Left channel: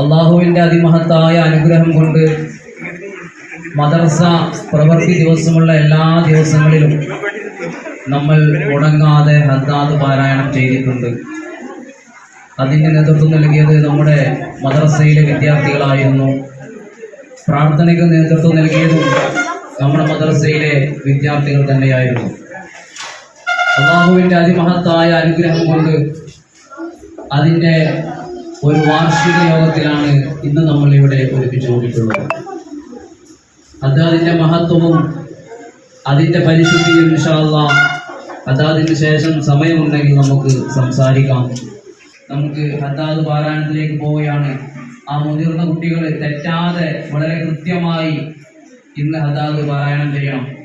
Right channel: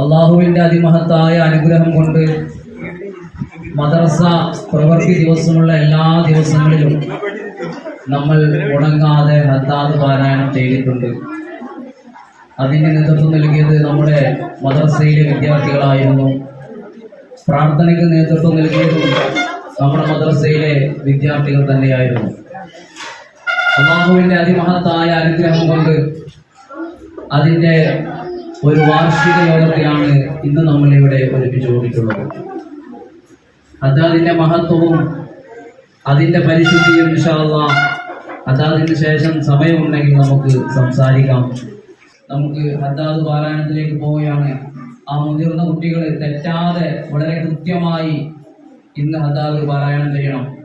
അള്ളാഹുവിന്റെ അതിമഹത്തായ അനുഗ്രഹം കൊണ്ട് മദർസ പ്രവൃത്തി ദിവസമുള്ള എല്ലാ ദിവസങ്ങളിലും നമ്മൾ മുടങ്ങാതെ ഹദ്ദാദ് പാരായണം ചെയ്തിട്ടുണ്ട്. അതിന് നേതൃത്വം നൽകിയത് നമ്മുടെ മദ്രസയിലെ വിദ്യാർത്ഥികളായിരുന്നു. പ്രാർത്ഥനയ്ക്ക് നേതൃത്വം നൽകിയതും നമ്മുടെ മദ്രസയിലെ വിദ്യാർത്ഥികൾ തന്നെയായിരുന്നു. അള്ളാഹുവിന്റെ അതിമഹത്തായ അനുഗ്രഹം കൊണ്ട് അതിന്റെ ഒരു വാർഷിക യോഗത്തിലാണ് ഇന്ന് നമ്മൾ ഇവിടെ ഒരുമിച്ച് കൂടിയിട്ടുള്ളത്. അത് അതിന്റെ മഹത്വവും അതിന്റെ പരിശുദ്ധിയും വിശാല അതാതിന് ശേഷം സമയമുണ്ടെങ്കിൽ നമുക്ക് സംസാരിക്കാം. നമുക്ക് ഹദ്ദാദ് പാരായണത്തിലേക്ക് പോവുകയാണ്. ആ മുതിർന്ന കുട്ടികൾ തെറ്റാതെ വളരെ കൃത്യമായി ഇന്ന് ഹദ്ദാദ് പാരായണം ചെയ്യണം.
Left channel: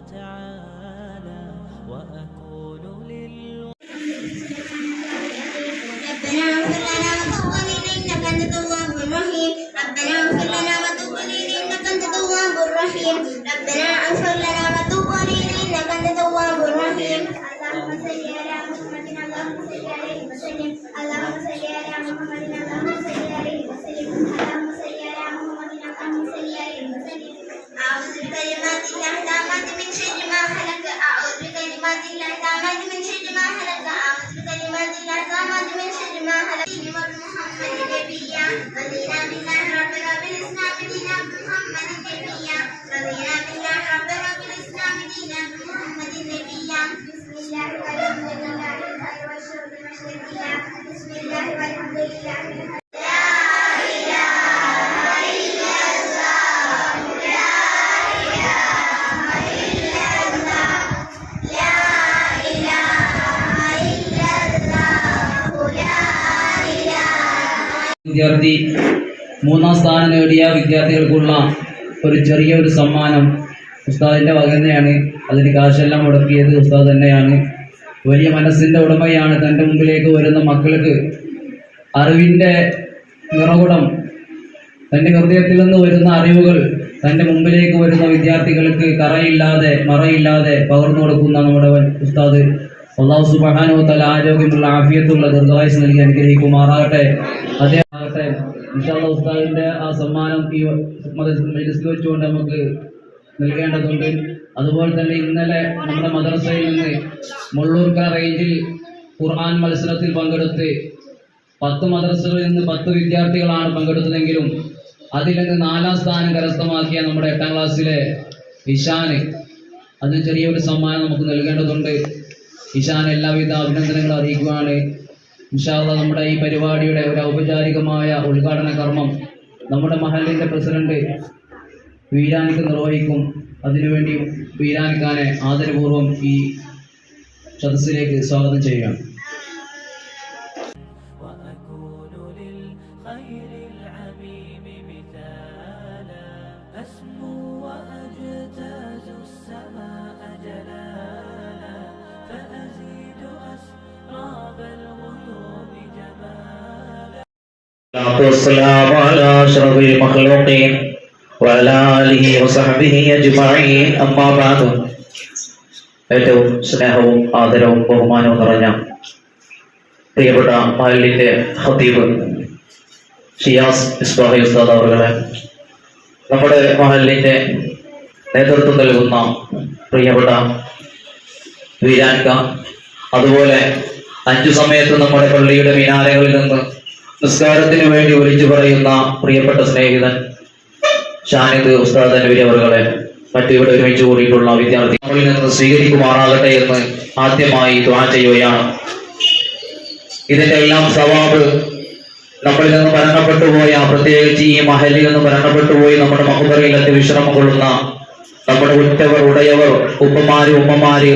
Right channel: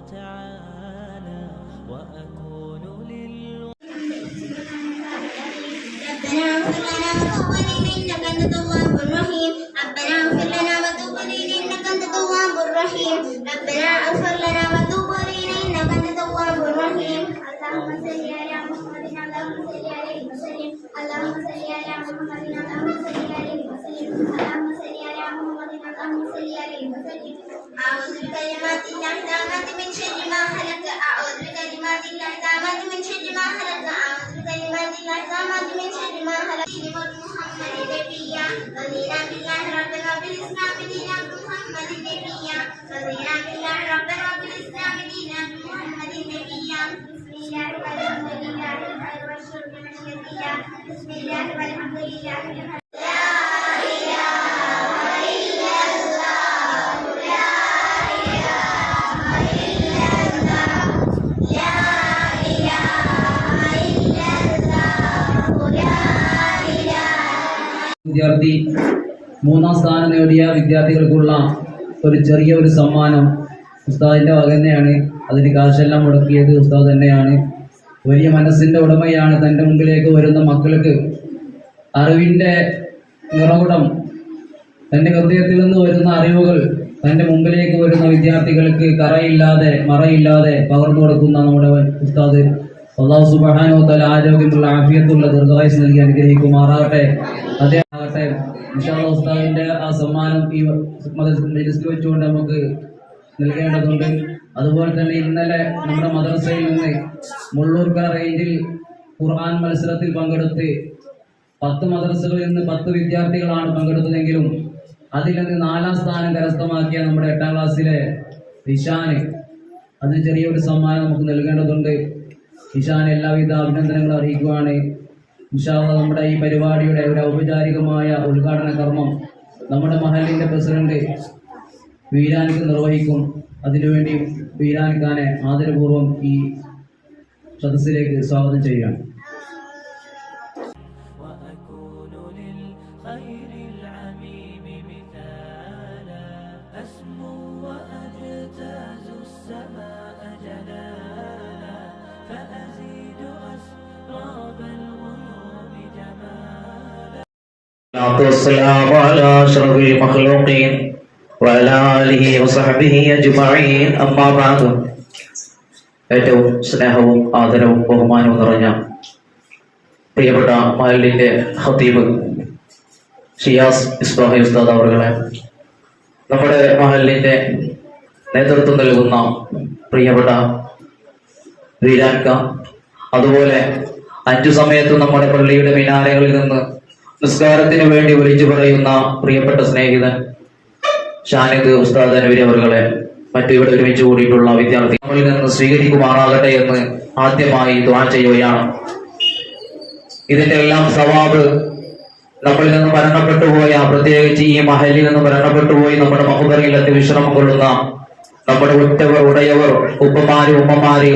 وتعالى وأكون വിദ്യാർത്ഥി മൂന്നാം സ്ഥാനം നേടിയ വിദ്യാർത്ഥികൾക്കുള്ള ഒരു ചെറിയ ഒരു സമ്മാനം ഉസ്താദിന്റെ വക തന്നെയാണ്. അതിന് കാശെല്ലാം മുടക്കിയത് ഉസ്താദ് തന്നെയാണ്. വലിയ മനസ്സിന്റെ ഉടമയാണ് തന്റെ മുമ്പിലേക്ക് വരുന്ന മക്കൾക്ക് അറിവിന്റെ നിറകുടം തന്റെ ഹൃദയത്തിൽ നിന്ന് വരുന്ന അറിവുകൾ തന്റെ മുമ്പിലേക്ക് വരുന്ന വിദ്യാർത്ഥികൾക്ക് കറയില്ലാതെ മറയില്ലാതെ പകർന്നു കൊടുക്കുന്ന നമ്മുടെ ഉസ്താദ്. അള്ളാഹു തല ആരോഗ്യമുള്ള ആഫിയത്തുള്ള ദീർഘായുസ് നൽകി അനുഗ്രഹിക്കുമാറാകട്ടെ. അതേ ഉസ്താദിന്റെ ആ സമ്മാനം ഈ വെച്ചുകൊണ്ട് നമുക്ക് നൽകേണ്ടതുണ്ട്. അതുപോലെ തന്നെ ഇന്നലെ നമ്മുടെ മദ്രസയിൽ നിന്ന് മുള്ളൂർക്കര റേഞ്ചിൽ ഖുർആൻ മത്സരത്തിൽ പങ്കെടുത്ത് പത്ത് മദ്രസകളിൽ നിന്ന് പത്ത് വിദ്യാർത്ഥികളാണ് പങ്കെടുത്തതെങ്കിലും അതിൽ നിന്ന് നാലാം സ്ഥാനം കരസ്ഥമാക്കിയ നമ്മുടെ എട്ടാം ക്ലാസ്സിലെ ഇഷാന് അതിന് ചെറിയൊരു സമ്മാനം നമുക്ക് നൽകേണ്ടതുണ്ട്. ഇഷാൻ എല്ലാവിധ അഭിനന്ദനങ്ങളും അറിയിക്കുകയാണ്. ഇൻഷാല്ല നമ്മുടെ ഈ പരിപാടിയുടെ ഒരു ഔപചാരികമായ ഉദ്ഘാടന കർമ്മം നമ്മുടെ മഹലിന്റെ പ്രസിഡന്റ് വീരാനിക്ക് നിർവഹിക്കും. അതിനുവേണ്ടി വീരാനിക്കാനെ ആദരപൂർവ്വം ഈ സദസ്സിലേക്ക് സ്വാഗതം ചെയ്യുകയാണ് وأكون للخير العميم مثالا أسمو وأجتاز السماء جلالا فأزيد أسراب الغيوم جمالا الصلاة والسلام على أشرف المخلوقين وعلى آله وصحبه أجمعين أما بعد ഏറ്റവും സ്നേഹവും ആദരവും ബഹുമാനവും നിറഞ്ഞ പ്രിയപ്പെട്ട മഹലിന്റെ ഹത്തീബ് ഷിയാസ് ഇസ്ബാഹി ഉസ്താദ് അവറുകളെ നമ്മുടെ മഹലിന്റെ നേതൃത്വം നൽകുന്ന പ്രിയപ്പെട്ട വീരാൻക അതുപോലെ അഞ്ചു സമയത്ത് നമ്മുടെ പള്ളിയുടെ മിനാരങ്ങളിൽ നിന്ന് നിസ്കാരത്തിന് വേണ്ടി വിളിച്ചു പറയുന്ന പ്രിയപ്പെട്ട സ്നേഹിതൻ ഷാനിദ് ഉസ്താദ് നബി അവരുടെ മറ്റു ഇവിടെ ഒരുമിച്ച് കൂടിയിട്ടുള്ള വിദ്യാർത്ഥി നമ്മളിൽ നിന്ന് സ്വീകരിക്കുമാറാകട്ടെ എന്ന് ആദ്യമായി ദ്വാ ചെയ്യുകയാണ്. ഇതിന്റെ എല്ലാം സവാബ് നമ്മളിൽ നിന്ന് മരണപ്പെട്ടു പോയ പ്രത്യേകിച്ച് ഈ മഹലിൽ നിന്ന് മരണപ്പെട്ടു പോയി നമ്മുടെ മഹബറയിലെത്തി വിശ്രമം കൊള്ളുന്ന നമ്മുടെ ഉറ്റവർ ഉടയവർ ഉപ്പമാര് ഉമ്മമാര്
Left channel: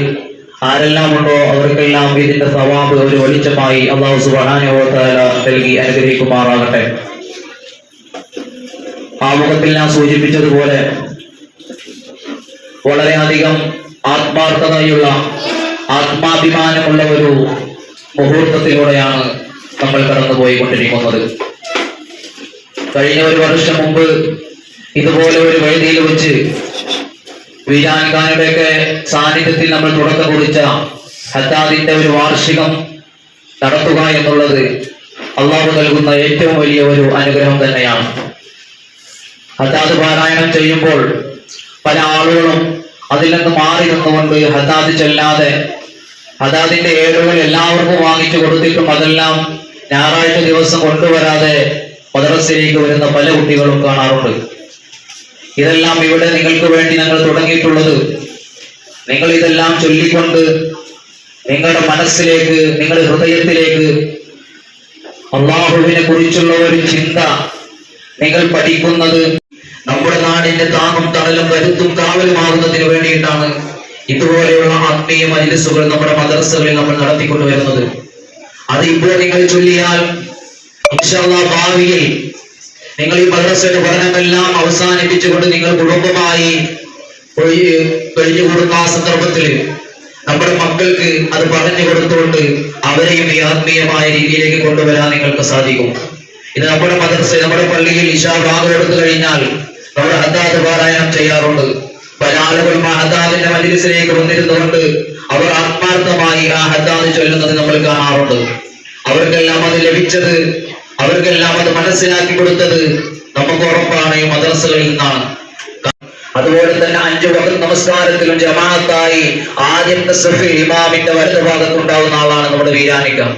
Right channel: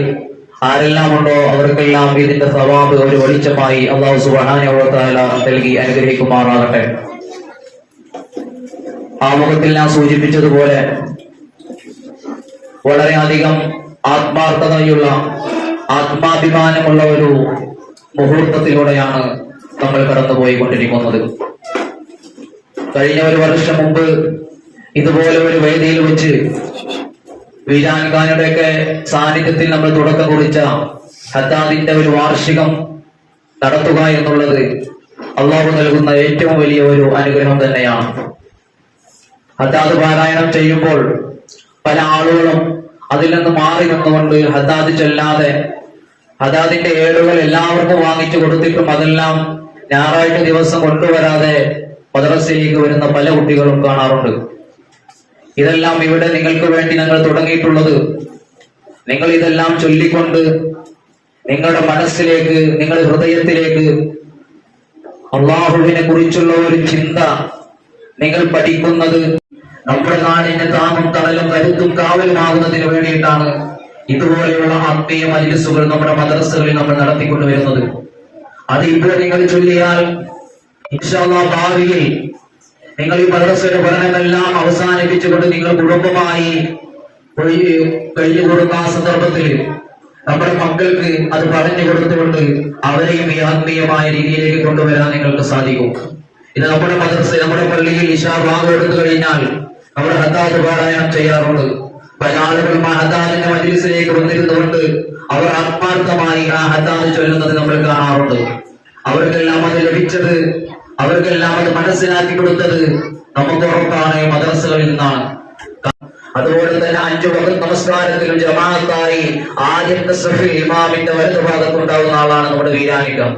ആരെല്ലാം ഉണ്ടോ അവർക്കെല്ലാം ഇതിന്റെ സവാബ് ഒരു വെളിച്ചമായി അള്ളാഹു സുബാനുവത്തായ നൽകി അനുഗ്രഹിക്കുമാറാകട്ടെ. ആമുഖത്തിൽ ഞാൻ സൂചിപ്പിച്ചതുപോലെ വളരെയധികം ആത്മാർത്ഥതയുള്ള ആത്മാഭിമാനമുള്ള ഒരു മുഹൂർത്തത്തിലൂടെയാണ് നമ്മൾ കടന്നുപോയിക്കൊണ്ടിരിക്കുന്നത്. കഴിഞ്ഞ ഒരു വർഷം മുമ്പ് ഇതുപോലെ ഒരു വേദിയിൽ വെച്ച് ഖാനുടെയൊക്കെ സാന്നിധ്യത്തിൽ നമ്മൾ തുടക്കം കുറിച്ച ഹത്താദിന്റെ ഒരു വാർഷികം നടത്തുക എന്നുള്ളത് അള്ളാഹു നൽകുന്ന ഏറ്റവും വലിയ ഒരു അനുഗ്രഹം തന്നെയാണ്. ഹത്താദ് പാരായണം ചെയ്യുമ്പോൾ പല ആളുകളും അതിൽ നിന്ന് മാറി നിന്നുകൊണ്ട് ഹത്താദ് ചെല്ലാതെ ഹദാദിന്റെ ഏടുകൾ എല്ലാവർക്കും വാങ്ങിച്ചു കൊടുത്തിട്ടും അതെല്ലാം ഞായറാഴ്ച ദിവസം കൊണ്ടുവരാതെ മദ്രസയിലേക്ക് വരുന്ന പല കുട്ടികളും കാണാറുണ്ട്. ഇതെല്ലാം ഇവിടെ നിങ്ങൾക്ക് വേണ്ടി ഞങ്ങൾ തുടങ്ങിയിട്ടുള്ളത്. നിങ്ങൾ ഇതെല്ലാം ചൊല്ലിക്കൊണ്ട് നിങ്ങളുടെ മനസ്സിലേക്ക് നിങ്ങളുടെ ഹൃദയത്തിലേക്ക് അള്ളാഹുവിനെ കുറിച്ചുള്ള ഒരു ചിന്ത നിങ്ങൾ പഠിക്കുന്നത് നമ്മുടെ നാടിന്റെ താങ്ങും തണലും കരുത്തും കാവലുമാകുന്നതിന് വേണ്ടിയിട്ടാണ് ഇതുപോലെയുള്ള ആത്മീയ മജിലിസുകൾ നമ്മുടെ മദ്രസകളിൽ നമ്മൾ നടത്തിക്കൊണ്ടുവരുന്നത്. അത് ഇപ്പോൾ നിങ്ങൾ ചൊല്ലിയാൽ ഭാവിയിൽ നിങ്ങൾ ഈ മദ്രസയുടെ പഠനമെല്ലാം അവസാനിപ്പിച്ചുകൊണ്ട് നിങ്ങൾ കുടുംബമായി കഴിഞ്ഞുകൂടുന്ന ആ സന്ദർഭത്തിൽ നമ്മുടെ മക്കൾക്ക് അത് പറഞ്ഞു കൊടുത്തുകൊണ്ട് അവരെയും ഈ ആത്മീയമായ രീതിയിലേക്ക് കൊണ്ടുവരാൻ നിങ്ങൾക്ക് സാധിക്കും. ഇത് നമ്മുടെ മദ്രസ നമ്മുടെ പള്ളിയിൽ ഇഷാ ഭാഗം എടുത്തു കഴിഞ്ഞാൽ നമ്മുടെ ഹദ്ദാദ് പാരായണം ചെയ്യാറുണ്ട്. പല ആളുകളും ആ ഹദ്ദാദിന്റെ മജിലിസിലേക്ക് വന്നിരുന്നുകൊണ്ട് അവർ ആത്മാർത്ഥമായി ആ ഹദ്ദാദ് ചൊല്ലുന്നത് നമ്മൾ കാണാറുണ്ട്. അവർക്കെല്ലാം അത് ലഭിച്ചത് അവർക്കെല്ലാം അത് മനസ്സിലാക്കി കൊടുത്തത് നമുക്ക് ഉറപ്പാണ് മദ്രസകളിൽ നിന്നാണ്. അതുപോലെ തന്നെ അഞ്ചു വകത്ത് നമസ്കാരത്തിലും ജമാഅത്തായി ആദ്യത്തെ സഫി ഇമാമിന്റെ വലതു ഭാഗത്തുണ്ടാവുന്ന ആളാണ് നമ്മുടെ വീരാനിക്കം.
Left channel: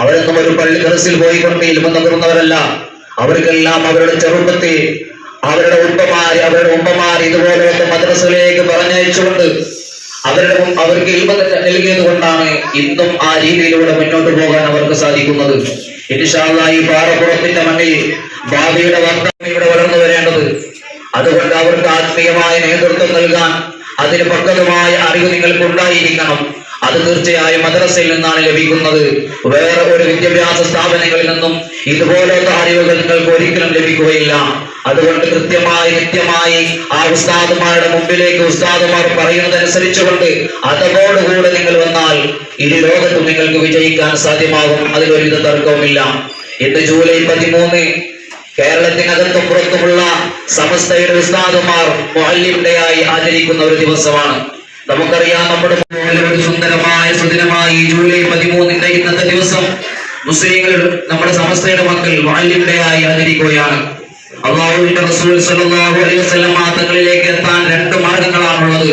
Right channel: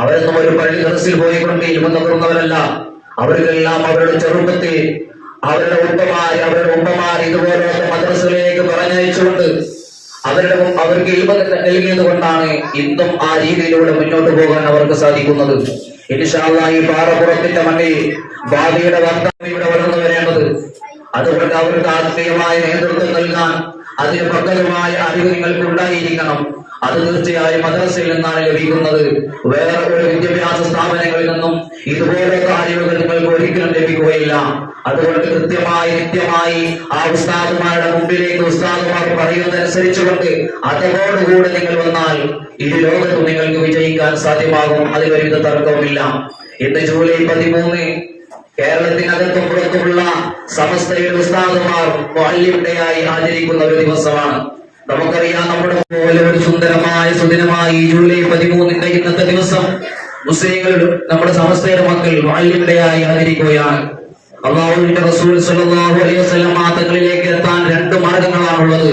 അവരൊന്നും ഒരു പള്ളി ദർസിൽ പോയിക്കൊണ്ട് ഇൽമ നിൽക്കുന്നവരല്ല അവർക്കെല്ലാം അവരുടെ ചെറുപ്പത്തിൽ അവരുടെ ഉപ്പമാര് അവരുടെ ഉമ്മമാർ ഇതുപോലെയൊക്കെ മദ്രസയിലേക്ക് പറഞ്ഞയച്ചുകൊണ്ട് അവരുടെ അവർക്ക് ഇൽമ നൽകിയത് കൊണ്ടാണ് ഇന്നും ആ രീതിയിലൂടെ മുന്നോട്ട് പോകാൻ അവർക്ക് സാധിക്കുന്നത്. ഇൻഷാല്ലാ ഈ പാറപ്പുറത്തിന്റെ മണ്ണിൽ ഭാവിയുടെ വർത്തമാനം ഇവിടെ വളർന്നു വരേണ്ടത്. അതുകൊണ്ട് അവർക്ക് ആത്മീയമായ നേതൃത്വം നൽകാൻ അതിന് പക്വതമായ അറിവ് നിങ്ങൾക്ക് ഉണ്ടായിരിക്കണം അത് തീർച്ചയായും മദ്രസയിൽ നിന്നാണ് ലഭിക്കുന്നത്. വേറെ ഒരു വിദ്യാഭ്യാസ സ്ഥാപനങ്ങളിൽ നിന്നും ഇതുപോലത്തെ അറിവുകൾ നിങ്ങൾക്ക് ഒരിക്കലും ലഭിക്കുകയില്ല. അതുകൊണ്ട് കൃത്യമായി കൃത്യമായി ആ ഉസ്താദുമാരുടെ മുമ്പിലേക്ക് ഉസ്താദുമാർ പറയുന്നതനുസരിച്ചുകൊണ്ട് അതോടുകൂടെ നിങ്ങൾ വന്നാൽ ഇരു ലോകത്തും നിങ്ങൾക്ക് വിജയിക്കാൻ സാധ്യമാകും. അതിലൊരുവിധ തർക്കവുമില്ല. ഇന്ന് ജൂലൈ പതിമൂന്ന് കേരളത്തിനകത്തും പുറത്തുമുള്ള സമസ്തയുടെ ഉസ്താദുമാർ മുഹല്ലിയുടെയായി ആചരിക്കുന്ന ഒരു ദിവസമാണ്. നമുക്കറിയാം നമ്മുടെ ഒരു സുന്ദരമായ സുദിനമായ ജൂലൈ പതിമൂന്നിന്റെ ഇന്നത്തെ ദിവസം മുസ്ലിങ്ങൾ നമ്മുടെ സമസ്തയുടെ മക്കൾ മുഹല്ലിയുടെയായി ആചരിക്കുകയാണ്. അള്ളാഹുവിന്റെ റസൂൽ സല്ലല്ലാഹു അലൈഹി വസല്ലം തങ്ങളിലേക്ക് എത്താൻ രണ്ട് മാർഗങ്ങളാണുള്ളത്.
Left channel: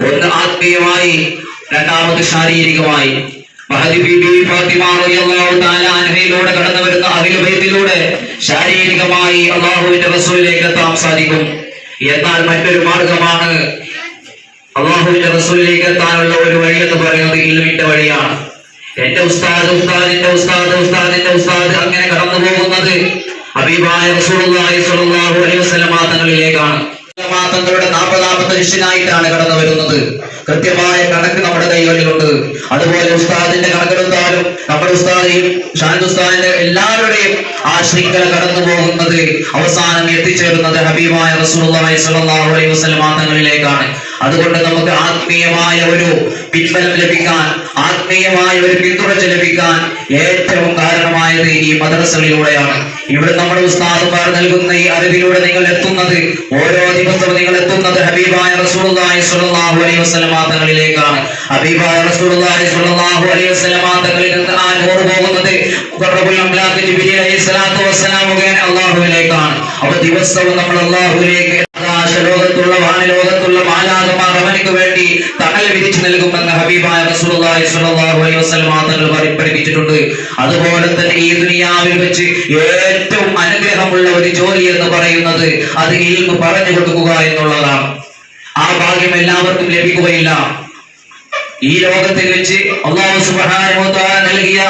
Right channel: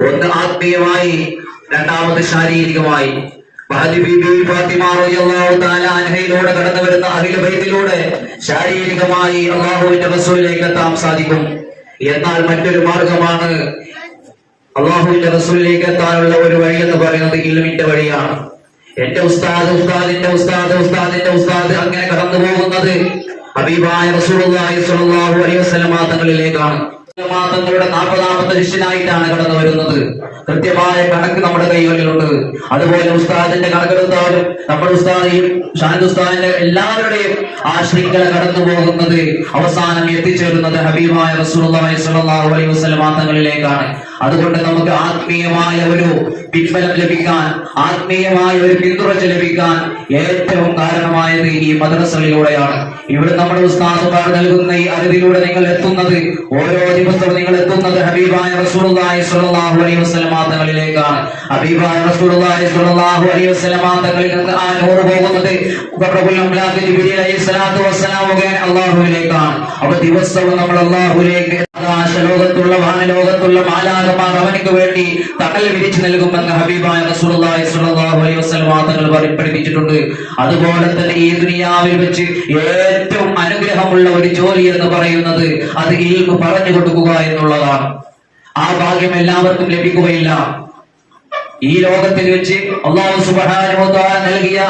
ഒന്ന് ആത്മീയമായി രണ്ടാമത് ശാരീരികമായി. അൻഹയിലൂടെ കടന്നു വരുന്ന അഖിലഭയത്തിലൂടെ ശാരീരികമായി അള്ളാഹുവിന്റെ റസൂലിലേക്ക് എത്താൻ സാധിക്കും. എന്നാൽ മറ്റൊരു മാർഗമാണ് അള്ളാഹുവിന്റെ റസൂലിലേക്ക് എത്താനുള്ള ഒരു വഴി എന്ന് പറയുന്നത് ഇൽമിന്റെ വഴിയാണ്. എന്റെ ഉസ്താദ് ഉസ്താദിന്റെ ഉസ്താദ് ഉസ്താദിന്റെ ഉസ്താദ് അങ്ങനെ കടന്നു പോകുന്നത് അബീബായ റസൂലുള്ളാഹി സ്വല്ലല്ലാഹു അലൈഹി വസല്ലം തങ്ങളിലേക്കാണ് തങ്ങളുടെ നാൽപ്പതാമത്തെ ശിഷ്യനായിട്ടാണ് കടന്നു വരുന്നത്. കൃത്യമായ കണക്ക് നമ്മുടെ കൈകളിലുണ്ട് അതുപോലെ ഉസ്താദിന്റെ കണക്കെടുത്താലും നമ്മുടെ ഉസ്താദിയും ഷാനിദ് ഉസ്താദിന്റെ എല്ലാവരുടെയും ആ ശൃംഖല കടന്നു പോകുന്നത് അവസാനം എത്തിച്ചേരുന്നത് ഹബീബായ റസൂലുള്ളാഹി സ്വല്ലല്ലാഹു അലൈഹി വസല്ലം തങ്ങളിലേക്കാണ് അതുകൊണ്ട് നമുക്ക് ആത്മീയമായ ഒരു പിൻബലം ലഭിക്കാൻ ആത്മീയമായ ഒരു പിന്തുണച്ച് ലഭിക്കാൻ ഏറ്റവും കാരണമായത് ഈ മദ്രസകളിലൂടെയാണ്. ഇവിടെ നമ്മുടെ ഉസ്താദുമാർ നൽകുന്ന ഈ അറിവിലൂടെ നിങ്ങൾ എത്തുന്നത് ഓരോ ദിവസവും നിങ്ങൾ എത്തുന്നത് ഹബീബായ റസൂലുള്ളാഹി സ്വല്ലല്ലാഹു അലൈഹി വസല്ലമ ഹബീബായ റസൂലുള്ളാഹി സ്വല്ലല്ലാഹു അലൈഹി വസല്ലമ നിന്ന് ആ അപ്പോൾ ദിവസവും നമ്മൾ അല്ലാഹുവിലേക്ക് വാനലോകത്തുള്ള മാലാകമാർ അവനക്ക് വേണ്ടി തണൽ വിരിച്ചു നൽകുമെന്ന് ഹബീബായ റസൂലുള്ളാഹി സ്വല്ലല്ലാഹു അലൈഹി വസല്ലം തങ്ങൾ അതുപോലെ തന്നെ ഈ ദുനിയാവിൽ വെച്ച് ഏറ്റവും അനുഗ്രഹമുള്ള ഒരു ജോലി എന്ന് പറയുന്നത് അത് ഇൽമു പറഞ്ഞു കൊടുക്കുക എന്നുള്ളതാണ്. ആ ഭാഗ്യം എല്ലാവർക്കും ലഭിക്കുകയില്ല. ഈ ലോകത്തിൽ വെച്ച് അള്ളാഹു സുബ്ഹാനഹു വ തആല നൽകിയ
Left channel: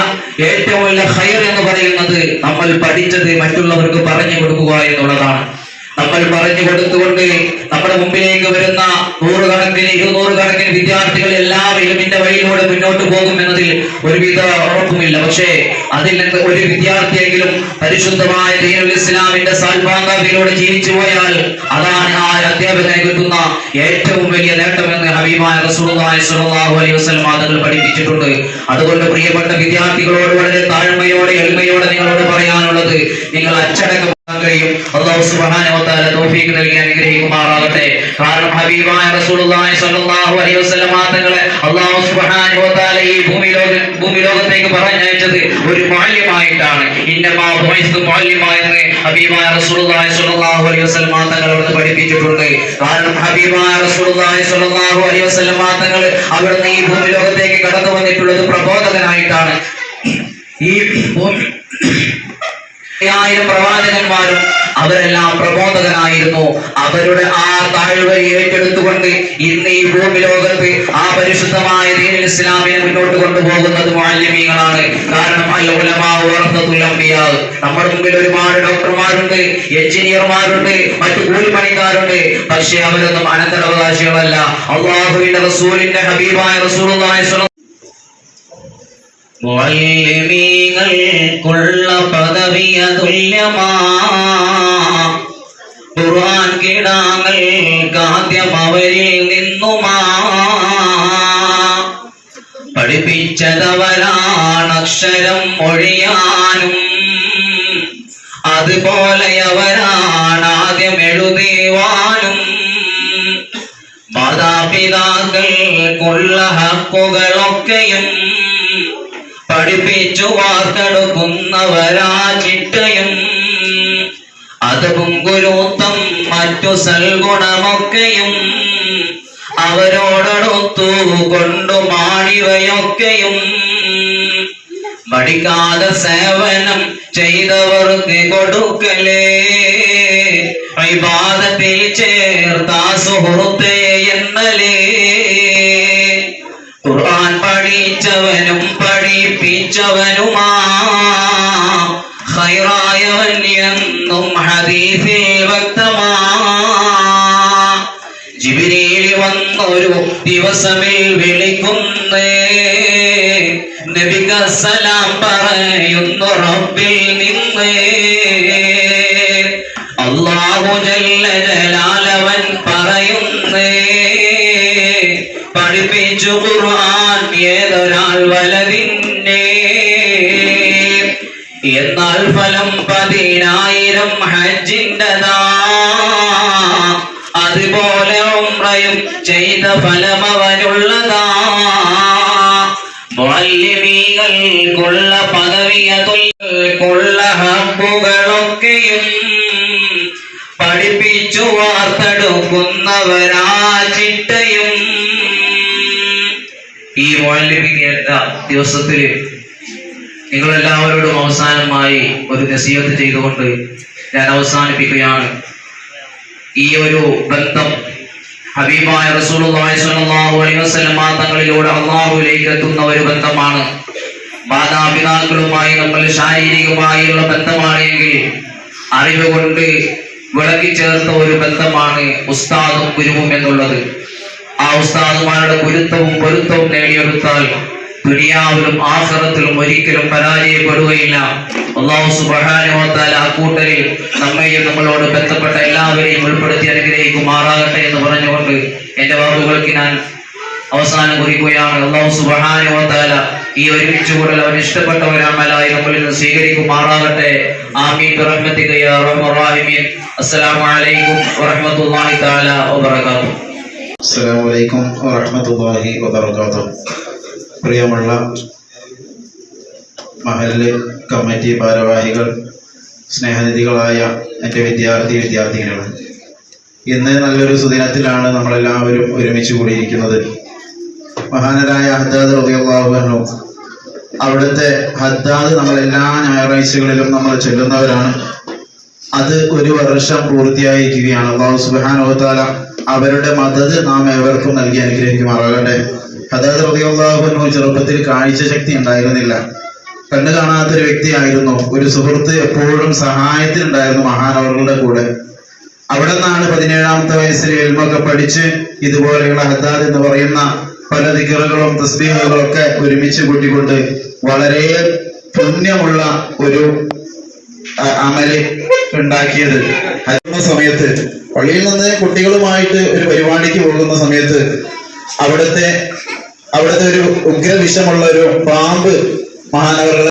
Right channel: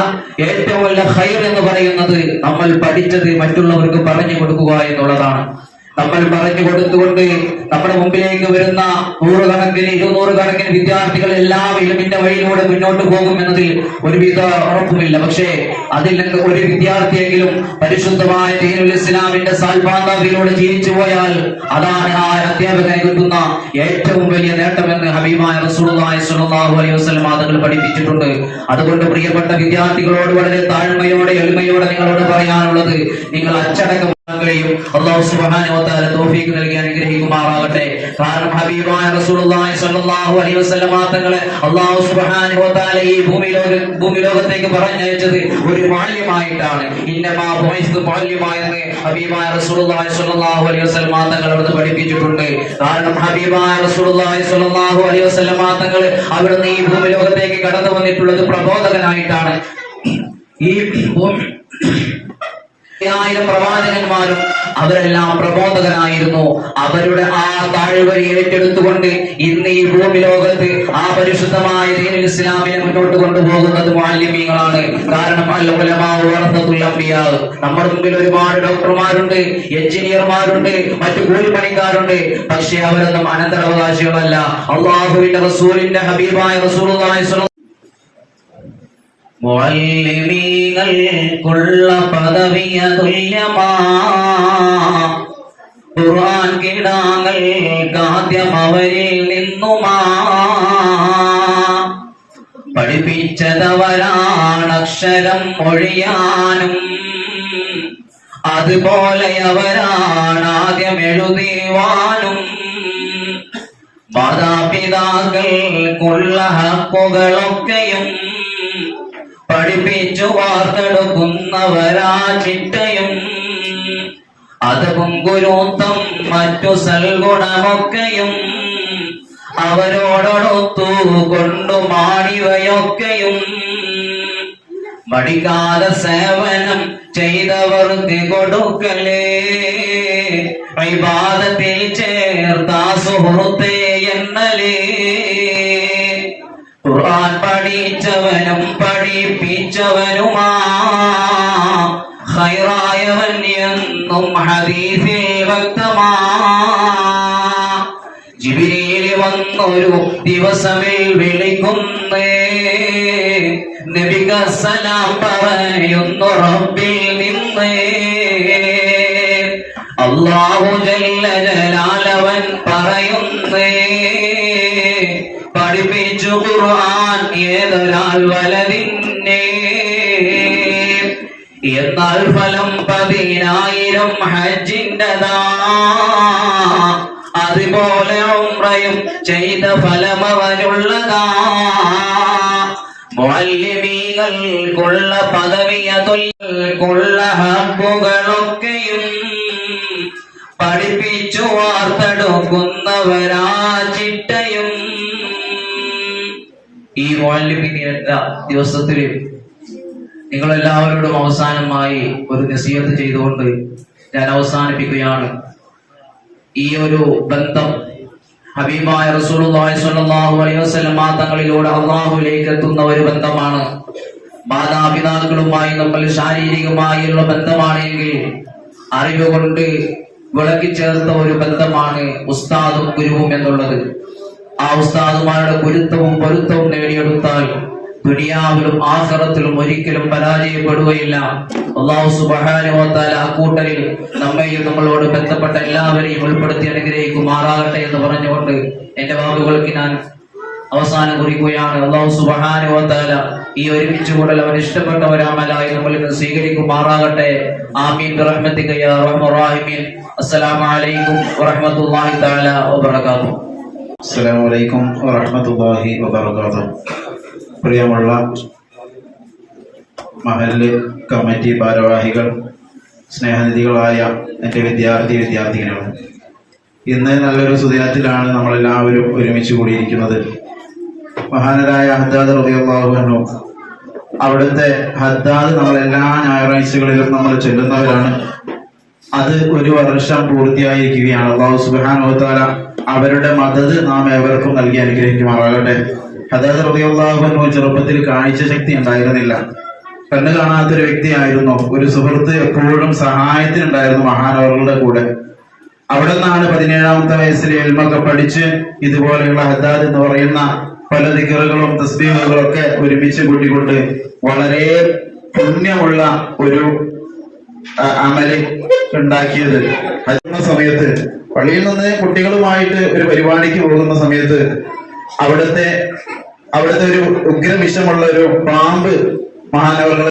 ഏറ്റവും വലിയ ഖൈർ എന്ന് പറയുന്നത് നമ്മൾ പഠിച്ചത് മറ്റുള്ളവർക്ക് പറഞ്ഞു കൊടുക്കുക എന്നുള്ളതാണ്. നമ്മൾ പറഞ്ഞു കൊടുത്തുകൊണ്ട് നമ്മുടെ മുമ്പിലേക്ക് വരുന്ന നൂറുകണക്കിന് ഇരുന്നൂറ് കണക്കിന് വിദ്യാർത്ഥികൾ എല്ലാം ഇലുമിന്റെ വഴിയിലൂടെ മുന്നോട്ട് പോകും എന്നതിൽ ഒരുവിധ ഉറപ്പുമില്ല. പക്ഷേ അതിൽ നിന്ന് ഒരു വിദ്യാർത്ഥിയെങ്കിലും പരിശുദ്ധമായ ദീനുൽ ഇസ്ലാമിന്റെ സാൽപാന്തയിലൂടെ ജീവിച്ചു പോയാൽ അതാണ് ആ അധ്യാപകനെ കിട്ടുന്ന ഏറ്റവും വലിയ നേട്ടമെന്ന് ഹബീമായ അലൈഹി വസല്ലം തങ്ങൾ പഠിപ്പിച്ചിട്ടുണ്ട്. അതുകൊണ്ട് പ്രിയപ്പെട്ട വിദ്യാർത്ഥികളോട് വളരെ താഴ്മയോടെ എളിമയോടെ നിങ്ങളോട് പറയാനുള്ളത് നിങ്ങൾ അച്ചടക്കം തആല തൗഫീഖ് നൽകി അനുഗ്രഹിക്കുമാറാകട്ടെ. ഹബീബായ റസൂലുള്ളാഹി സ്വല്ലല്ലാഹു അലൈഹി തങ്ങളെ ഈ ഭൂമി ലോക ഭൂമി പറഞ്ഞയച്ചത് ഒരു മാല്യമായിട്ടാണ്. ഹബീബായ റസൂലുള്ളാഹി സ്വല്ലല്ലാഹു അലൈഹി കാരണം ഹബീബായ റസൂലുള്ളാഹി സ്വല്ലല്ലാഹു അലൈഹി അവിടുന്ന് ഈ ഭൂമി ലോകത്തേക്ക് കടന്നു വന്നിട്ടുള്ളത് പ്രബോധകനായിട്ടാണ്. ഈ ഭൂമി ആയിരം പ്രവാചകന്മാരും അവരെല്ലാം പ്രബോധകരായിരുന്നു അവരുടെ ആ താഴ്വരി ഏറ്റെടുത്തുകൊണ്ട് ഇന്ന് ഈ ഭൂമി ലോകത്ത് ആ പരിശുദ്ധമായ ദീനിൽ ഇസ്ലാമിനെ മുന്നോട്ട് കൊണ്ടുപോകുന്നത് മാലിന്യങ്ങളാണ്. കാരണം. നമ്മുടെ മുമ്പിൽ ഒരുപാട് ഡോക്ടർമാരുണ്ട് എഞ്ചിനീയർമാരുണ്ട് മറ്റു കൂലിപ്പണിക്കാരുണ്ട്. പക്ഷേ അവരൊന്നും അനന്തരാവകാശികളല്ല. അള്ളാഹുവിന്റെ റസൂലിന്റെ ഹബീബായ സ്വല്ലല്ലാഹു മുഅല്ലിമീങ്ങൾക്കുള്ള പദവിയ തുല്യമാ. ഖുർആൻ കിടാങ്ങൾക്കാദ്യം അവരിൽ നിന്നുമാ. പഠിപ്പിച്ചതവരാണ് അക്ഷരം മൊഴിയാനും. അതുപോലെ അവരാണ് ആദ്യം എഴുതിവാനും മാതാപിതാക്കൾക്കുള്ള ഹക്കുകളൊക്കെയും പഠിപ്പിച്ചു വാർത്തെടുക്കുന്നവരാ ഗുരുത്തം മറ്റു സൽഗുണമൊക്കെയും അവരോടൊത്തു കൊണ്ടു മാണിവയൊക്കെയും മടിക്കാതെ സേവനം ചെയ്തവർക്ക് കൊടുക്കലേ. വിവാദത്തിൽ ചേർത്താ സുഹൃത്തേ പറയുന്നേ പഠിപ്പിച്ചു ഖുർആൻ ദിവസത്തിൽ നിങ്ങളെല്ലാവരോടും അവസാനമായി ഒരു നസീഹത്ത് ചെയ്തുകൊണ്ട് ഞാൻ അവസാനിപ്പിക്കുകയാണ്. ഈ ഒരു ബന്ധം ഹബീബായ റസൂലുള്ളാഹി സ്വല്ലല്ലാഹു അലൈഹി വസല്ലം തങ്ങളിലൂടെ അള്ളാഹുവിലേക്ക് എത്തുന്ന ഒരു ബന്ധമാണ്. മാതാപിതാക്കളുമായി നമ്മൾ ശാരീരികമായുള്ള ബന്ധമാണെങ്കിൽ അറിവ് കൊണ്ട് വിളക്കി ചേർത്ത ഒരു ബന്ധമാണ് ഉസ്താദും ഗുരുവും എന്നുള്ളത്. ആ ഉസ്താദുമാരുടെ ഗുരുത്വവും പൊരുത്തവും നേടിയെടുത്താൽ ദുനിയാവിലും ആഖിറത്തിലും ഒരിക്കലും പരാജയപ്പെടുകയില്ല. അള്ളാഹു തആല ആ കൂട്ടരിൽ നമ്മയും നമ്മളോട് ബന്ധപ്പെട്ട എല്ലാവരെയും ഉൾപ്പെടുത്തി അനുഗ്രഹിക്കുമാറാകട്ടെ എന്ന് പറഞ്ഞുകൊണ്ട് എന്റെ വാക്കുകൾക്ക് ഞാൻ അവസാനം കുറിക്കുകയാണ്. അള്ളാഹു തആല ഈ ഒരുമിച്ച് കൂടൽ അവർ ഇഷ്ടപ്പെട്ടവരാമലായി നമ്മളിൽ നിന്ന് സ്വീകരിക്കുമാറാകട്ടെ. ആമീൻ. ബിറഹ്മതിക യാ അർഹമർ അസ്സലാമു അലൈക്കും വറഹ്മത്തുള്ളാഹി തആല വബറകാതുഹു. അസ്സലാമു അലൈക്കും വറഹ്മത്തുള്ളാഹി വബറകാതുഹു. പ്രിയമുള്ള മഹല്ല് കമ്മിറ്റി ഭാരവാഹികൾ സ്നേഹനിധികളായ എന്റെ വിദ്യാർത്ഥി വിദ്യാർത്ഥിനികൾ ഇന്ന് നല്ലൊരു സുദിനത്തിലാണ് നമ്മളെല്ലാവരും ഒരുമിച്ച് കൂടിയിരിക്കുന്നത്. മഹാനരായ ഹദ്ദാദ് അൻഹു അവിടുത്തെ ഹദ്ദാദ് നമ്മൾ എല്ലാ ഞായറാഴ്ചകളിലും നമ്മൾ ചെല്ലുന്നവരാണ്. അത് ഒരു വർഷം പൂർത്തിയായിരിക്കുകയാണ്. അള്ളാഹു സുബ്ഹാനഹു തആല അവരുടെ മദത് നാം ഏവർക്കും നൽകി അനുഗ്രഹിക്കുമാറാകട്ടെ. അതായത് റളിയല്ലാഹു ചെറുപ്പത്തിൽ കാഴ്ച ശക്തി ഉണ്ടായിരുന്നില്ല. കണ്ണു കാണാത്തൊരു വ്യക്തിയായിരുന്നു. ഒരു സുഹൃത്ത് എപ്പോഴും സഹായത്തിനുണ്ടായിരുന്നു മഹാനവറുകളുടെ കൂടെ. അവിടെ നിന്നാണ് പതിനേഴാമത്തെ വയസ്സിൽ എൽമൊക്കെ പഠിച്ച് ഇതുപോലെയുള്ള ഹദ്ദാദ് എന്ന് പറയുന്ന പല ദിക്കറുകളും തസ്ബീഹുകളും ഒക്കെ ഒരുമിച്ച് കൂട്ടിക്കൊണ്ട് വളരെ പുണ്യമുള്ള ഒരു അമൽ ഉണ്ടാക്കിയത്. അതിന് സമയത്ത് പള്ളിയിൽ നിന്ന് കുട്ടികളുമായിട്ട് ഒരു പരിപാടിക്ക് പോകുന്ന സമയത്ത് അവിടുത്തെ അവിടുത്തെ ഒരു ഉഗ്ര വിഷമുള്ള ഒരു പാമ്പ് മഹാനവറുകൾ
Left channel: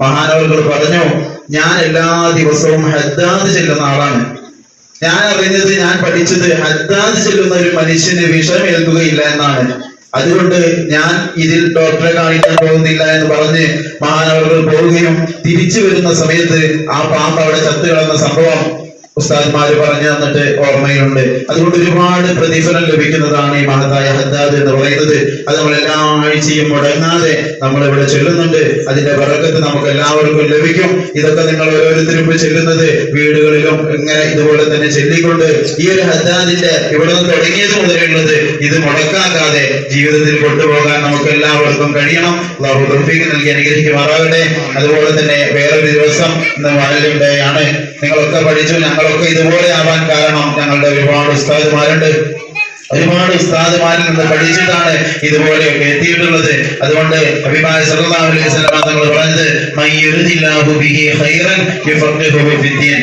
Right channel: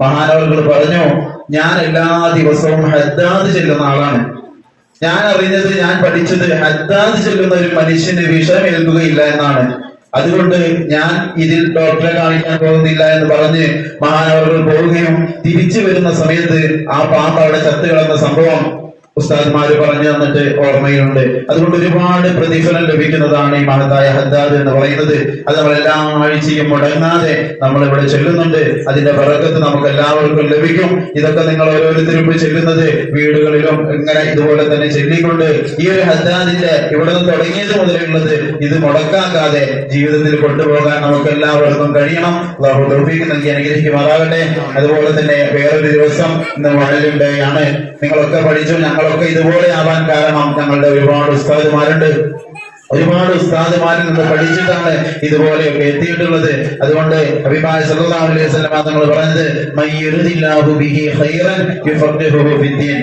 മഹാനവറുകൾ പറഞ്ഞു ഞാൻ എല്ലാ ദിവസവും ഹദ്ദാദ് ചെല്ലുന്ന ആളാണ്. ഞാൻ അറിഞ്ഞത് ഞാൻ പഠിച്ചത് ഹദ്ദാദ് ചെല്ലുന്ന ഒരു മനുഷ്യന് വിഷം ഏൽക്കുകയില്ല എന്നാണ്. അതുകൊണ്ട് ഞാൻ ഇതിൽ ഡോക്ടറെ കാണിക്കാൻ പോകുന്നില്ല എന്ന് പറഞ്ഞ് മഹാനവറുകൾ പോവുകയും തിരിച്ചു വരുന്ന സമയത്ത് ആ പാമ്പ് അവിടെ ചത്തുകളെന്ന സംഭവം ഉസ്താദ്മാര് പറഞ്ഞു തന്നിട്ട് ഓർമ്മയുണ്ട്. അതുകൊണ്ട് ഒരുപാട് പ്രതിഫലം ലഭിക്കുന്നതാണ് ഈ മഹത്തായ ഹദ്ദാദ് എന്ന് പറയുന്നത്. അത് നമ്മൾ എല്ലാ ആഴ്ചയും മുടങ്ങാതെ നമ്മൾ ഇവിടെ ചെല്ലുന്നുണ്ട്. അതിന്റെ പിറക്കത്ത് നമുക്ക് എല്ലാവർക്കും ലഭിക്കും. ഇതൊക്കെ നിങ്ങൾ ഓരോരുത്തരും ചെല്ലുന്നത് വീടുകളിലും ഇങ്ങനെ ഇതുപോലെ തന്നെ ചെല്ലിക്കൊണ്ട് ഈ ഒരു ഹദ്ദാദിന്റെ ഇവിടെ നിന്ന് തുടങ്ങിയത് മുതലുള്ളത് ഇത് മുടക്കാക്കാതെ ജീവിതത്തിൽ കൊണ്ടുപോകാൻ നമുക്ക് എല്ലാവർക്കും കഴിയണം തൗഫീഖ് നൽകി അനുഗ്രഹിക്കുമാറാകട്ടെ. അതുപോലെ തന്നെ വേറൊരു ദിവസം ഇന്ന് വാഴലുണ്ടയാണ് നിങ്ങളൊക്കെ പഠിച്ചു ഞങ്ങളൊക്കെ ഇതുപോലെ ആവാൻ കാരണം ഞങ്ങളുടെ ഒരുപാട് ഉസ്താദുമാരുണ്ട്. ഒരുപാട് ഉസ്താദുമാരിൽ നിന്ന് പഠിച്ചിട്ടാണ് ഇതുപോലെയൊക്കെ എത്തിയിട്ടുള്ളത്. അതുകൊണ്ട് അഭിപ്രായ സല്ലല്ലാഹു അലൈഹി വസല്ലം പറഞ്ഞത് ബിഹി ഖൈറൻ ഫിദ്ദീൻ.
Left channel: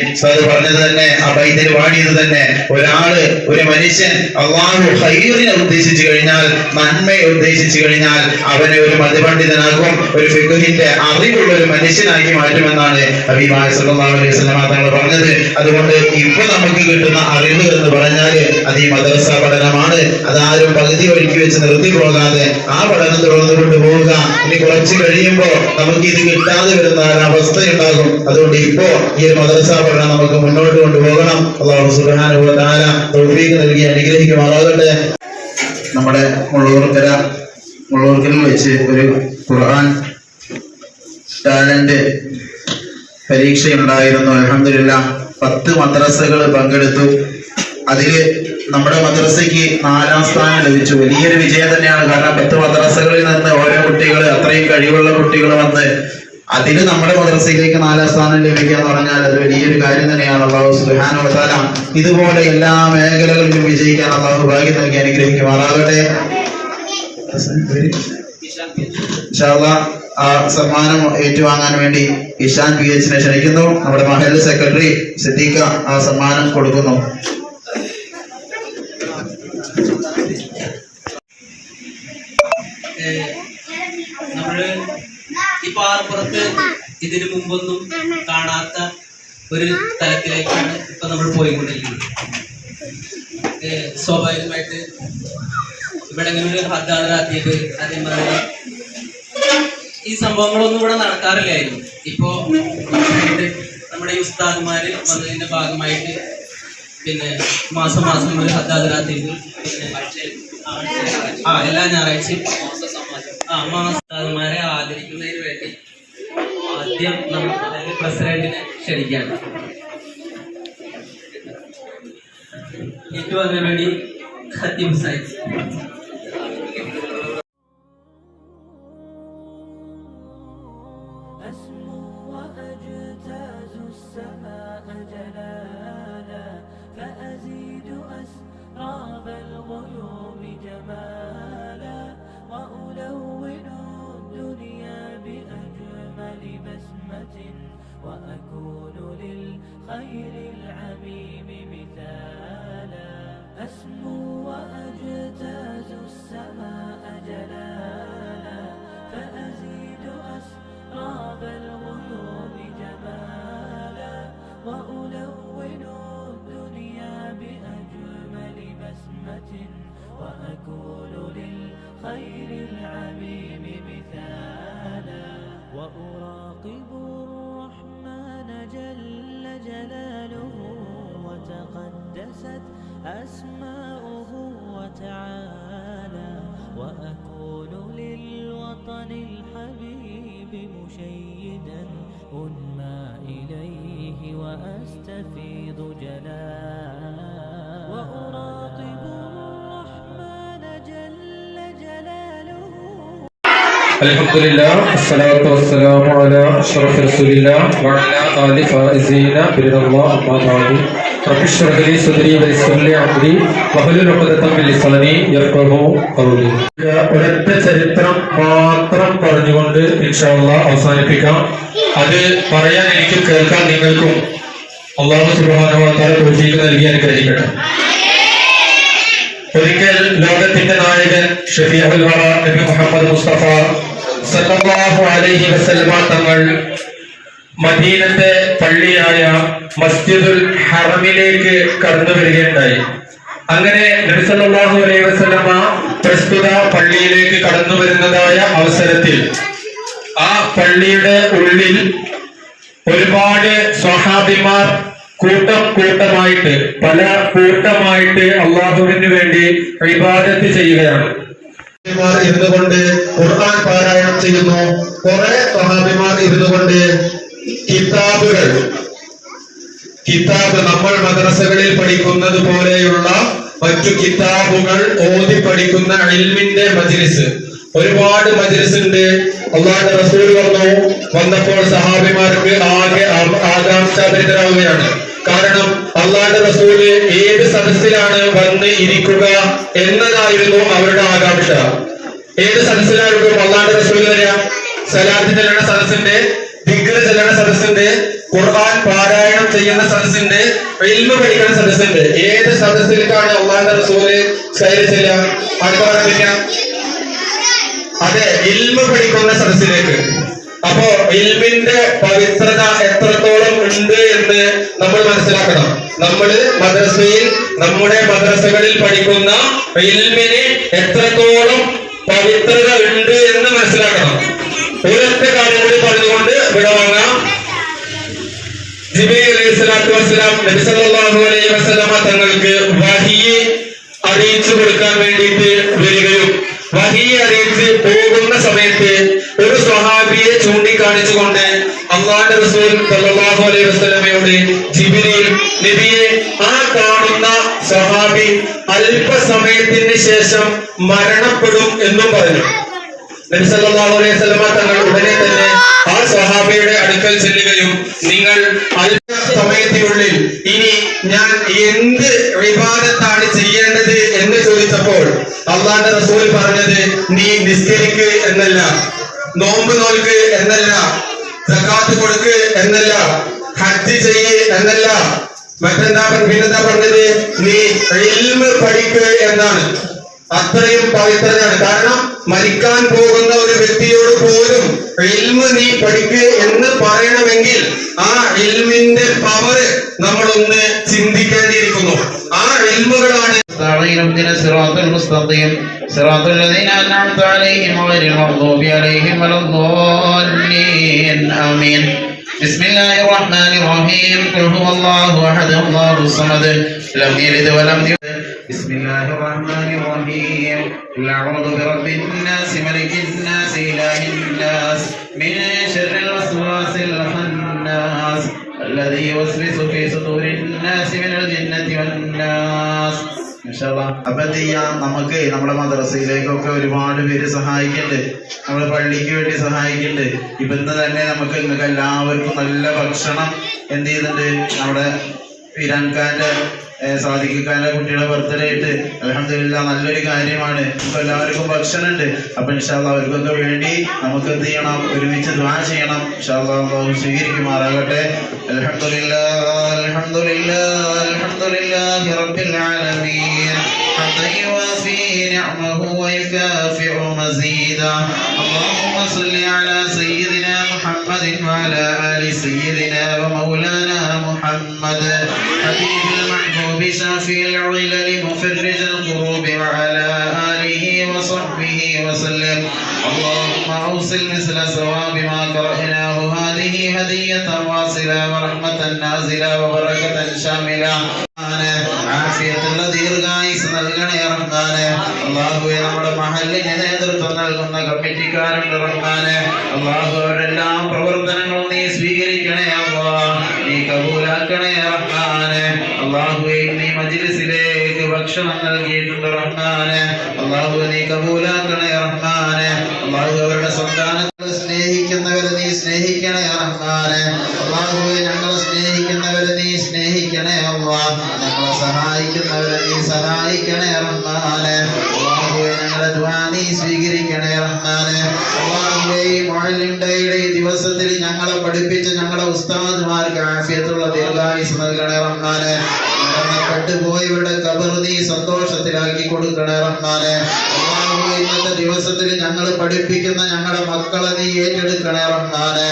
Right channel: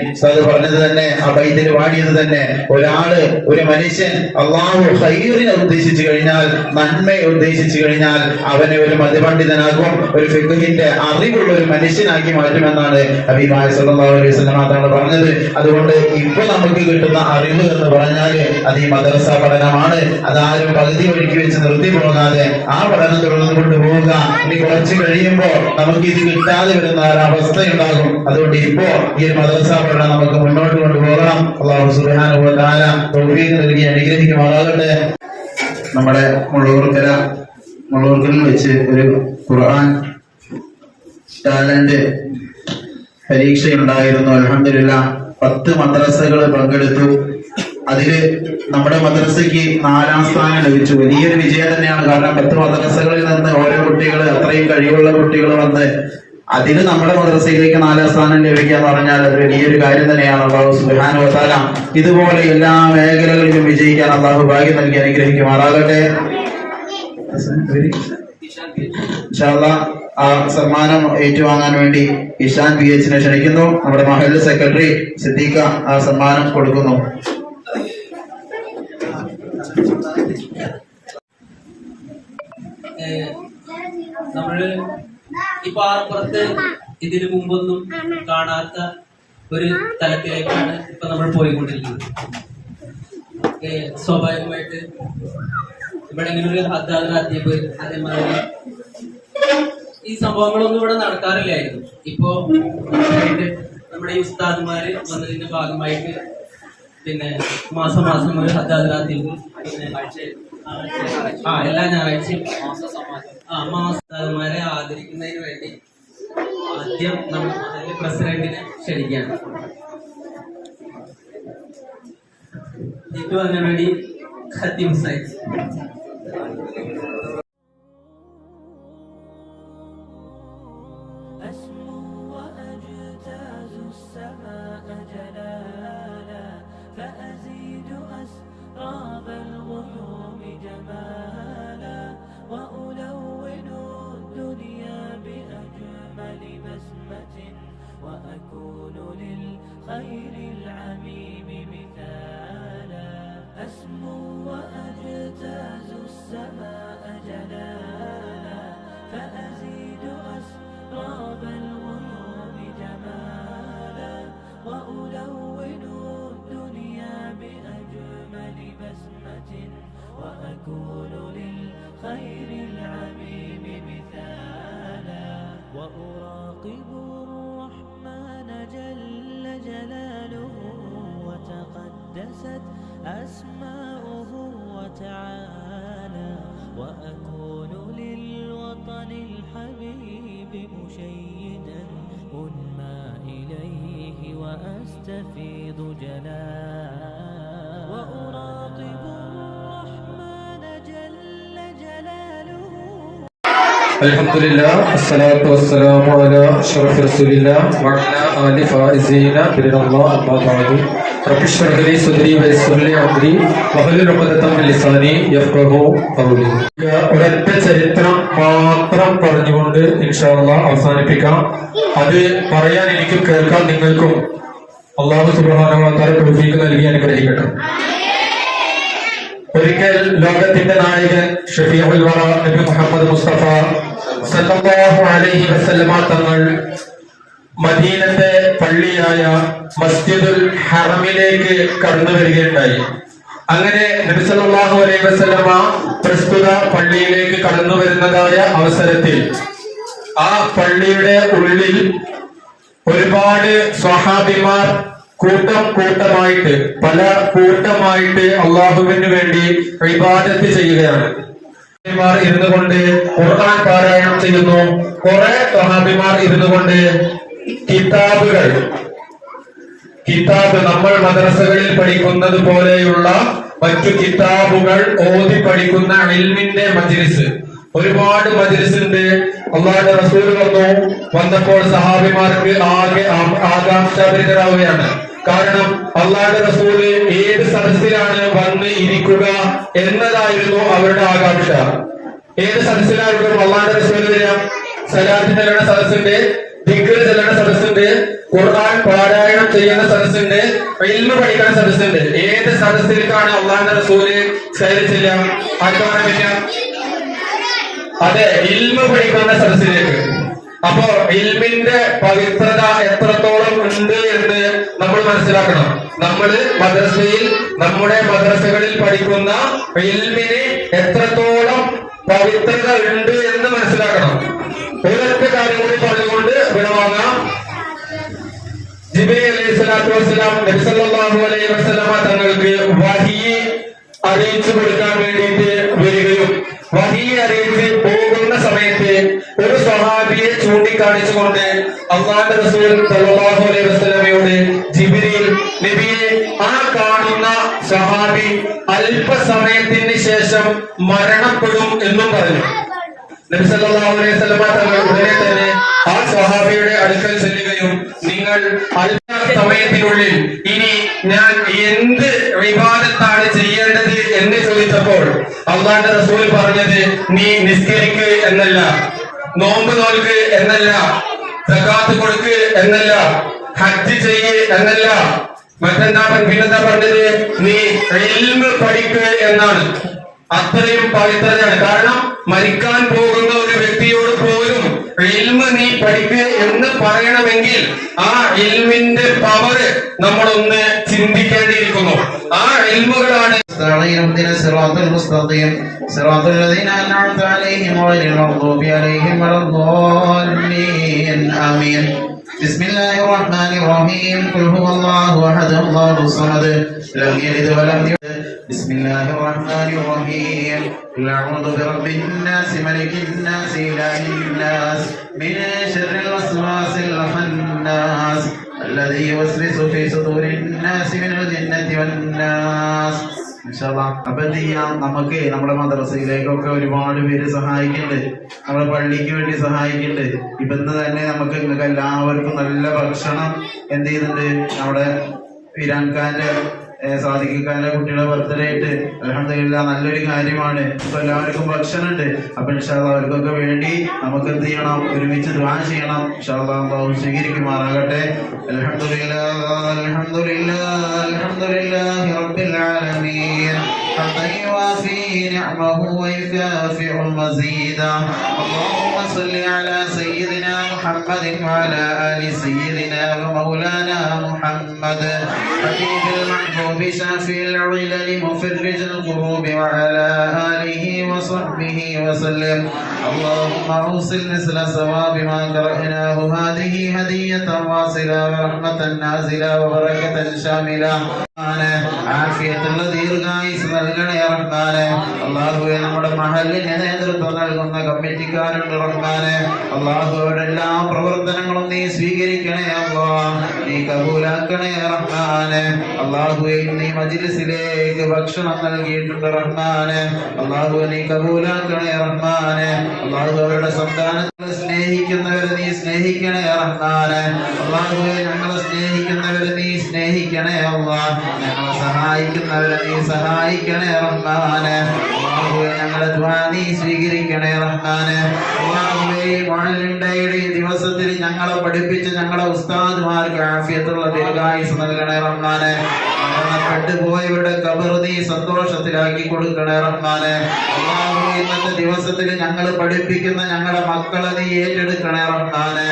പറഞ്ഞത് തന്നെ ആ ബൈത്തിൽ വാടിയത് തന്നെ ഒരാൾ ഒരു മനുഷ്യൻ അള്ളാഹു ഖൈറിനെ ഉദ്ദേശിച്ചു കഴിഞ്ഞാൽ നന്മയെ ഉദ്ദേശിച്ചു കഴിഞ്ഞാൽ അവനെ ഒരു മതപണ്ഡിതനാക്കും ഒരു ഫിഖുഹിന്റെ അറിവുള്ള ഒരു മനുഷ്യനാക്കി മാറ്റുമെന്നാണ് അഭിപ്രായ സല്ലല്ലാഹു അലൈഹി വസല്ലം തങ്ങൾ പറഞ്ഞത്. അതുകൊണ്ട് ഇപ്പൊ നമുക്ക് കിട്ടുന്ന അറിവ് എന്ന് പറഞ്ഞാൽ അത് ഈ മദ്രസ പഠനമാണ്. അതാരും പകുതി ഒഴുക്കി വെച്ച് നിർത്തി പോകാതെ ആ പഠനം തുടർന്നു കൊണ്ടുപോവുക ഇനി കുറച്ച് കഴിയുമ്പോ നമുക്ക് ഇത് കിട്ടാതെ വരുന്ന അവസ്ഥ ഉണ്ടാകും അതുകൊണ്ട് ഇപ്പോ ഈ ഒരു മദ്രസ പഠനം നമുക്ക് മുന്നോട്ട് കൊണ്ടുപോകണം. അള്ളാഹു തആല തൗഫീഖ് നൽകി അനുഗ്രഹിക്കുമാറാകട്ടെ. നമ്മുടെ മുള്ളൂർക്കര മുള്ളൂർക്കൽ വെച്ച് ഒരു ഖുർആൻ ടാലന്റ് പരീക്ഷയുണ്ടായിരുന്നു. അലഹമില്ല പത്ത് മദ്രസകൾ പങ്കെടുത്തു. അതിൽ നമ്മുടെ മദ്രസയ്ക്ക് നാലാം സ്ഥാനം ലഭിച്ചു. വലിയൊരു വിജയം തന്നെയാണ്. കാരണം പത്ത് മദ്രസകളിൽ നിന്ന് ഓരോ കുട്ടികൾ അത്രയും കഴിവുള്ള കുട്ടികൾ വന്ന് അതിന് നമ്മുടെ മദ്രസയിലേക്ക് നാലാം സ്ഥാനം ലഭിക്കുക എന്ന് പറഞ്ഞാൽ അത് വലിയൊരു കാര്യം തന്നെയാണ്. അള്ളാഹു സുബ്ഹാനഹു വസാല ഇതുപോലെ എല്ലാ മേഖലകളിലും വിജയിക്കാൻ അള്ളാഹു ഭാഗ്യം നൽകി അനുഗ്രഹിക്കുമാറാകട്ടെ. ആ സമ്മാനം ഏറ്റുവാങ്ങാൻ വേണ്ടി ഇഷാൻ പി എച്ചിനെ ക്ഷണിക്കുന്നു. നമ്മുടെ മഹൽ സെക്രട്ടറി സിദ്ദീഖ ആ സമ്മാനം കൊടുക്കുന്നു. നമ്മൾ ഇതിനു മുമ്പൊന്നും കാണാത്ത ഒരു തലത്തിലേക്കാണ് ഇപ്പൊ നമ്മൾ പോയിക്കൊണ്ടിരിക്കുന്നത്. സ്വാഭാവികമായിട്ട് ഇവിടെ ഇങ്ങനെ ഒരു ഹദ്ദാദാത്തിയത് അതേമാതിരി ഈ സംഭവങ്ങളൊന്നും ഇവിടെ നടക്കാറില്ലായിരുന്നു. ഇപ്പോ നമ്മുടെ ഈ ഉസ്താദ്മാര് വന്നതിന്റെ ഭാഗമായിട്ട് പിന്നെ മാസം മാസം ഒരു ഹദ്ദാദാത്തിയത് പിന്നെ ആ എല്ലാ ഞായറാഴ്ചയും ആ മാസ്താദന്മാരെ ആദരിക്കുന്നതിന് വേണ്ടി ആദ്യം നമ്മൾ അതായത് പ്രസിഡന്റിനെ ക്ഷണിക്കുകയാണ്. വന്നതിന് വേണ്ടി ഹത്യം സാഹിബ് وأكون للخير العميم مثالا. أسمو وأجتاز السماء جلالا. فأزيد أسراب الغيوم جمالا. وألون الدنيا بأجمل بسمة. وأكون للخير العميم مثالا. وأراقب وتقدست أسماؤه وتعالى وأكون للوطن الحبيب مشيدا أنمى إليه وأستفيض جلالا وأراقب الحمد لله الصلاة والسلام على أشرف رسول الله وعلى آل فائزين برضا الله أما بعد رب اشرح لي صدري ويسر لي أمري واحلل عقدة من لساني يفقهوا قولي ഒരൊറ്റ ചരിത്രം മാത്രം പറഞ്ഞുകൊണ്ട് ഇൻഷാല്ല അവസാനിപ്പിക്കാം അത് പറയാൻ എനിക്കും കേൾക്കാൻ നിങ്ങൾക്കും അള്ളാഹു സുബ്ഹാനഹു തൗഫീഖ് നൽകി അനുഗ്രഹിക്കട്ടെ ഒരിക്കൽ ലോകത്തിന്റെ നായകൻ ഷഫീഉൽ വറ നബി മുഹമ്മദ് മുസ്തഫ സല്ലല്ലാഹു അലൈഹി വസല്ലമ തങ്ങൾ മദീനത്തെ പള്ളിയായ മസ്ജിദുൽ ഹറമിലേക്ക് കടന്നു വരികയുണ്ടായി. അങ്ങനെ നബി സല്ലല്ലാഹു അലൈഹി വസല്ലമ പ്രസ്തുത പള്ളിയിലേക്ക് കടന്നു വരുന്നതായ അവസരത്തിൽ ആ പള്ളിയുടെ ഉള്ളിൽ ഒരുപാട് സ്വഹാബിമാർ കൂട്ടം കൂട്ടമായിട്ട് പല കൂട്ടമായിട്ട് അള്ളാഹുവിന് വേണ്ടി വിവാദത്ത് ചെയ്യുകയാണ്. ഇരുന്നു കൊണ്ട് ഖുർആൻ പാരായണം ചെയ്യുന്നു. കുറെ സ്വഹാബിമാർ ഇരുന്നു കൊണ്ട് കിതാബുകൾ കിതാബ് നമ്മൾ മദ്രസകളിൽ പഠിക്കുന്നത് പോലെയുള്ള മറ്റു കിതാബുകൾ ഓതി പഠിക്കുന്ന അൽമിന്റെ മജ്ലിസ്. ഒരുപാട് മജ്ലിസ് ഉണ്ട്. അള്ളാഹിന്റെ റസൂൽ വന്നു. വന്നപ്പോൾ സഹാബിമാർക്ക് ആകെ ആകാംക്ഷാഭരിതരാവുകയാണ്. കാരണം അള്ളാന്റെ റസൂൽ ഏത് സദസ്സിലാണ് വന്ന് ഇരിക്കുക എന്നതായിരുന്നു അവരുടെ ആകാംക്ഷ. ഏത് സദസ്സിലായിരിക്കും അള്ളാന്റെ റസൂൽ വരിക? സലാത്ത് ചെല്ലണ സദസ്സിന്റെ ദിഗ്ര ചെല്ലണ സദസ്സിന്റെ ഖുർആൻ പാരായണം ചെയ്യുന്ന സദസ്സിന്റെ എൽമ പഠിക്കുന്ന സദസ്സിന്റെ. ഏത് സദസ്സിലേക്കാണ് അള്ളാന്റെ റസൂൽ കയറി ചെല്ലാം ആർക്ക് അതെ ഇൽമ പഠിക്കുന്ന സദസ്സിലേക്ക്. അപ്പോ ഇൽമിന്റെ പവിത്രത എത്രത്തോളം ഉണ്ട് എന്ന് നമ്മൾ മനസ്സിലാക്കണം. നമ്മൾ മദ്രസയിൽ നമ്മുടെ മദ്രസകളിൽ പഠിക്കുന്ന ഇൽമിന് എത്രത്തോളം പവിത്രത ഉണ്ട് എന്ന് മനസ്സിലാക്കണം. ഒരൊറ്റ കാര്യം കൂടി പറഞ്ഞുകൊണ്ട് വിടവാങ്ങാം. ജിബി അലൈഹി സ്വലാത്തു വസ്സലാം നബി സല്ലല്ലാഹു അലൈഹി വസല്ലമ തങ്ങൾക്ക് വഹിയെ സല്ലല്ലാഹു അലൈഹി വസല്ലമയുടെ ജിബ്രീൽ നബിയെ ആ കാണുന്ന സഹാബി അല്പസമയത്തിന് ശേഷം മരണപ്പെടും എന്നും പറഞ്ഞു. നബി അലൈഹി വസല്ലമ തങ്ങൾ ഉടനെ തന്നെ ആ സഹാബിയുടെ അടുക്കൽ ചെല്ലുകയും നിങ്ങൾ അല്പ സമയത്തിനുള്ളിൽ ഇനി ഞാൻ എന്ത് വിവാദത്താണ് ചെയ്യേണ്ടത് എന്ന് ചോദിച്ചപ്പോൾ അള്ളാന്റെ റസൂൽ പറഞ്ഞത് നീ നിസ്കരിക്കുക എന്നല്ല. നോമ്പ് അത്രയും പവിത്രതയാണ് കാരണം മരിക്കാൻ പോകുന്ന ഒരു വ്യക്തിയോട് പോലും ഇൽമ് നീ പഠിക്ക് എന്ന് പറയണമെങ്കിൽ ആ ഇൽമിന്റെ പവർ നമ്മളൊന്ന് ചിന്തിക്കേണ്ടിയിരിക്കുന്നു ആ ഇൽമുകളാണ് استعين اهدنا الصراط المستقيم صراط الذين انعمت عليهم غير المغضوب عليهم ولا الضالين امين بسم الله الرحمن الرحيم قل هو الله احد الله الصمد لم يلد ولم يولد بسم الله الرحمن الرحيم قل اعوذ برب الناس ملك الناس اله الناس من شر الوسواس الخناس الذي يوسوس في صدور الناس من الجنه والناس ഇൻഷാല്ലാ. അപ്പൊ എന്ത് ചെയ്യാം നമുക്ക് നമ്മുടെ മദ്രസയിലേക്കൊക്കെ ഒരുപാട് പേര് സഹായിക്കുന്നുണ്ട് നമ്മുടെ പള്ളിക്ക് വേണ്ടി സഹായിക്കുന്നുണ്ട് ഇപ്പൊ ഇന്ന് തന്നെ നമുക്ക് നിങ്ങൾക്ക് എല്ലാവർക്കും നല്ല ഭക്ഷണം എന്ത് ചെയ്തിട്ടുണ്ട് നമ്മുടെ ഇരാൻഖാന്റെ സാധിക്കാന്റെ കുട്ടിയുടെ ബർത്ത്ഡേ ആയിട്ട് അലഹമില്ല നല്ലൊരു കാര്യമാണ് ഇപ്പൊ എല്ലാവർക്കും ഭക്ഷണം ഉണ്ട് അപ്പൊ ഇൻഷാല്ല അവർക്കൊക്കെ വേണ്ടി നമുക്ക് എന്ത് ചെയ്യണം ഒരുമിച്ച് ദ്വാ ചെയ്യണം ഇൻഷാല്ല അള്ളാഹു സ്വീകരിക്കുമാറാകട്ടെ അലഹമില്ല അലഹമില്ല അലഹമില്ല റബ്ബിൽ ആലമീൻ حتى يوافي نعمه ويكافئ مزيدا اللهم صل على سيدنا محمد وعلى ال سيدنا ومولانا محمد حبيب المحبوب شافي العلل مفرج الكروب وعلى اله وصحبه وسلم اللهم اوصل مثل ثواب ما قرأناه هذه هدية واصلة ورحمة نازلة وبركة شاملة ആഫിയത്തുള്ള ദീർഘായുസ് നൽകണേ റഹ്മാനെ അള്ളാഹുവെ നമ്മുടെ മഹലിന് നേതൃത്വം നൽകുന്ന കമ്മിറ്റിക്കാരുണ്ട് റഹ്മാനെ അള്ളാഹു അവരുടെ എല്ലാ പ്രവർത്തനങ്ങളും നീ സ്വീകരിക്കണേ അള്ളാ നീ കബൂലാക്കണേ റഹ്മാനെ അള്ളാഹു അള്ളാഹുവെ ഈ മജ്ലിസിലേക്ക് ഭക്ഷണം നൽകിയിട്ടുണ്ട് റഹ്മാനെ. അള്ളാഹു നീ കബൂലാക്കണേ റഹ്മാനെ. അള്ളാഹു അവരുടെ സന്താനങ്ങളെ നീ സന്തോഷത്തിലാക്കി കൊടുക്കണേ റഹ്മാനെ. ഇന്നത്തെ ദിവസത്തിൽ ഞങ്ങൾ പഠിപ്പിക്കുന്ന ഞങ്ങളുടെ മക്കളെ നീ ഏറ്റെടുക്കണേ റഹ്മാനെ.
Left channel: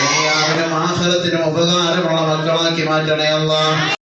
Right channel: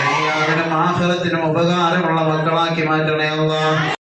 നീ അവരുടെ ആഹ്ലത്തിനും ഉപകാരമുള്ള മക്കളാക്കി മാറ്റണേ അള്ളാഹ്.